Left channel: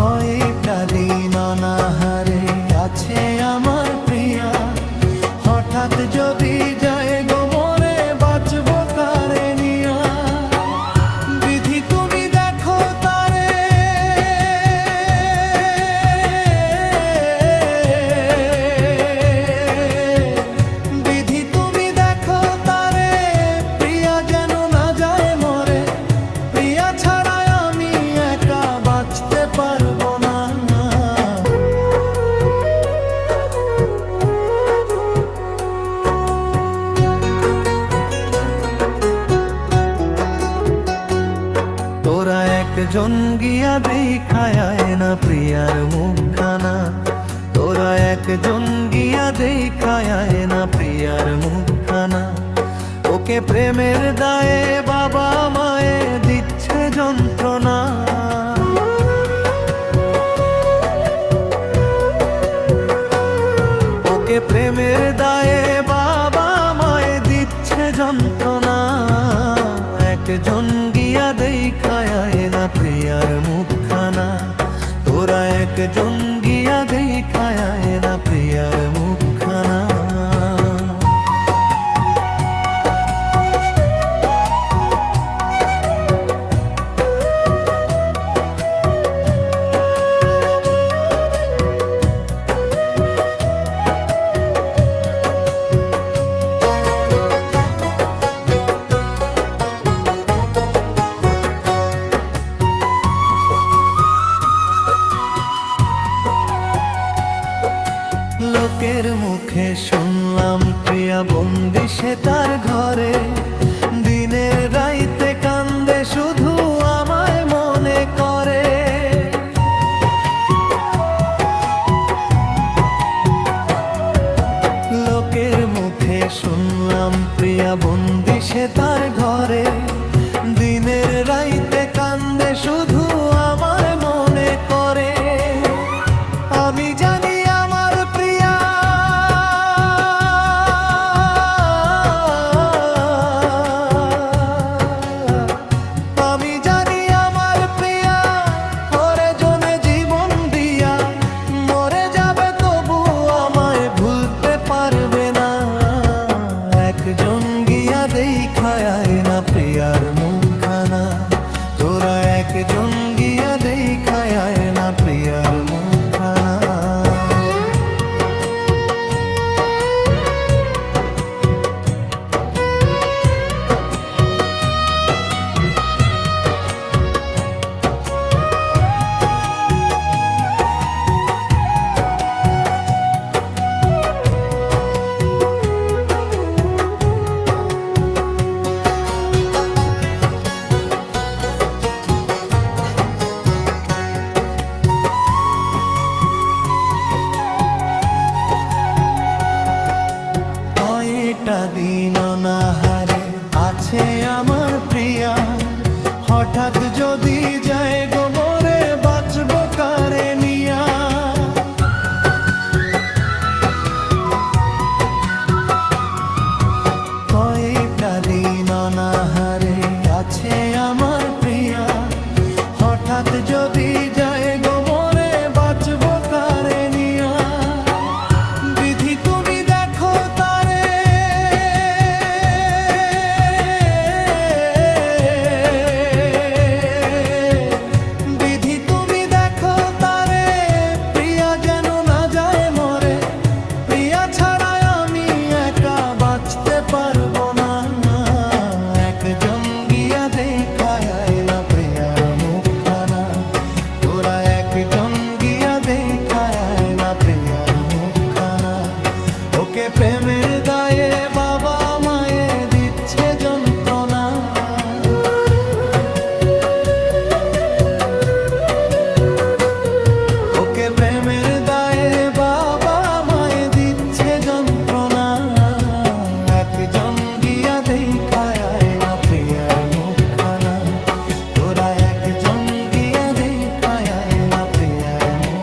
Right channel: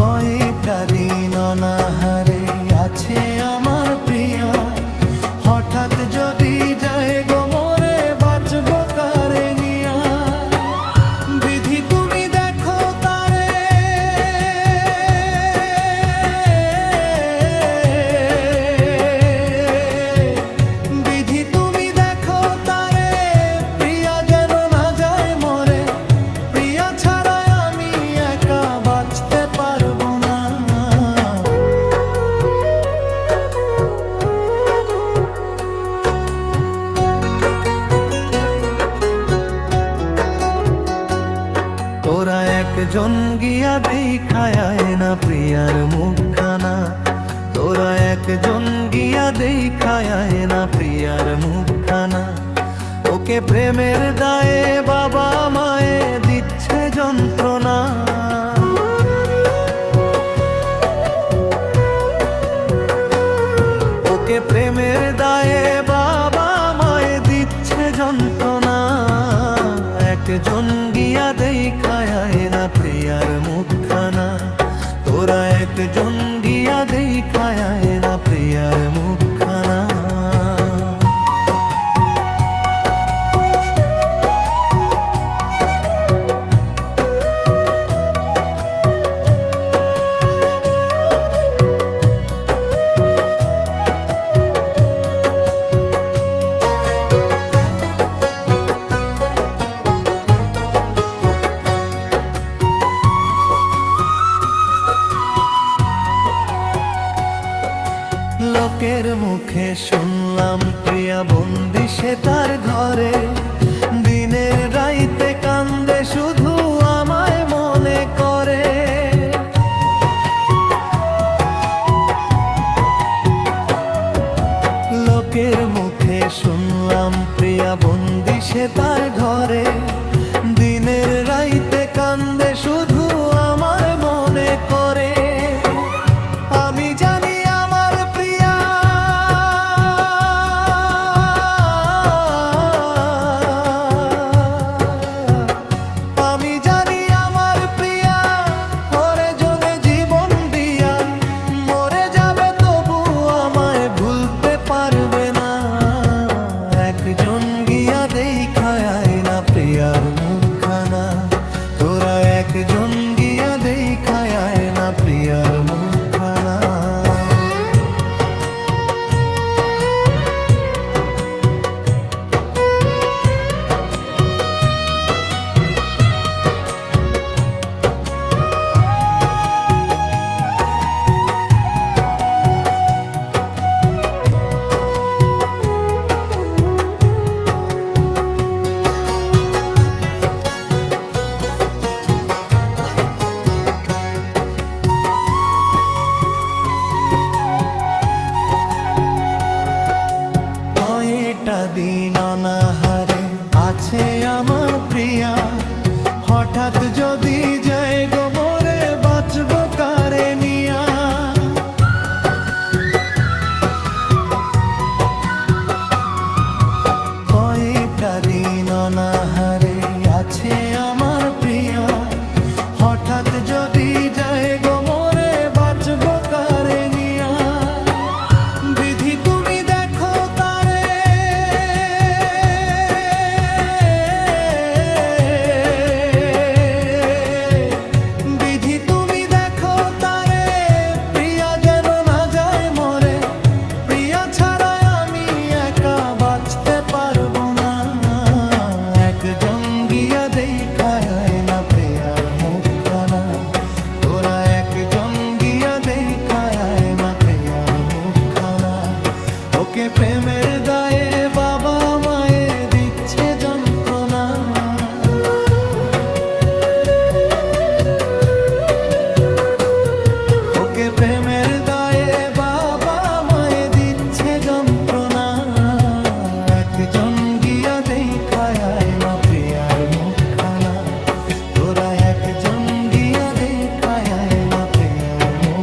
কয়েকটা দিন অনাহারে আছে আমার প্রিয়া, হঠাৎ যদি যায় গো মরে বাঁচবো কারে নিয়া। বিধি তুমি দেখো তারে, বিধি তুমি দেখো তারে, প্রিয়া যেন না যায় মরে। প্রিয়া ছাড়া আমি একা বাঁচতে পারবো না। তোরা একজন গিয়া দেখায় না প্রিয়ার মুখখানা, তোরা একজন গিয়া দেখায় না প্রিয়ার মুখখানা। ওকে প্রেমের দায়ে বাবা মায়ে দিচ্ছে যন্ত্রণা। ওকে প্রেমের দায়ে বাবা মায়ে দিচ্ছে যন্ত্রণা। একজন গিয়া দেখায় না প্রিয়ার মুখখানা, তোরা একজন গিয়া দেখায় না প্রিয়ার মুখখানা। লোকের মুখে শুনলাম প্রিয়া বন্দি সে তার ঘরে, দিনের রাইতে কান্দে শুধু আমায় মনে করে। লোকের মুখে শুনলাম প্রিয়া বন্দি সে তার ঘরে, দিনের রাইতে কান্দে শুধু আমার মনে করে। আমি জানি আমার প্রিয়া, আমি জানি আমার প্রিয়া ওরে জনে জীবন দিয়া মরে যাবে, তবু আমায় ভুলতে পারবে না। একজন গিয়া দেখায় না প্রিয়ার মুখখানা, তোরা একজন গিয়া দেখায় না প্রিয়ার মুখখানা। কয়েকটা দিন অনাহারে আছে আমার প্রিয়া, হঠাৎ যদি যায় গো মরে বাঁচবো কারে নিয়া। কয়েকটা দিন অনাহারে আছে আমার প্রিয়া, হঠাৎ যদি যায় গো মরে বাঁচবো কারে নিয়া। বিধি তুমি দেখো তারে, বিধি তুমি দেখো তারে, প্রিয়া যেন না যায় মরে। প্রিয়া ছাড়া আমি একা বাঁচতে পারবো না। একজন গিয়া দেখায় না প্রিয়ার মুখখানা, তোরা একজন গিয়া দেখায় না প্রিয়ার মুখখানা। ওকে প্রেমের দায়ে বাবা মায়ে দিচ্ছে যন্ত্রণা। ওকে প্রেমের দায়ে বাবা মায়ে দিচ্ছে যন্ত্রণা। একজন গিয়া দেখায় না প্রিয়ার মুখখানা, তোরা একজন গিয়া দেখায় না প্রিয়ার মুখ।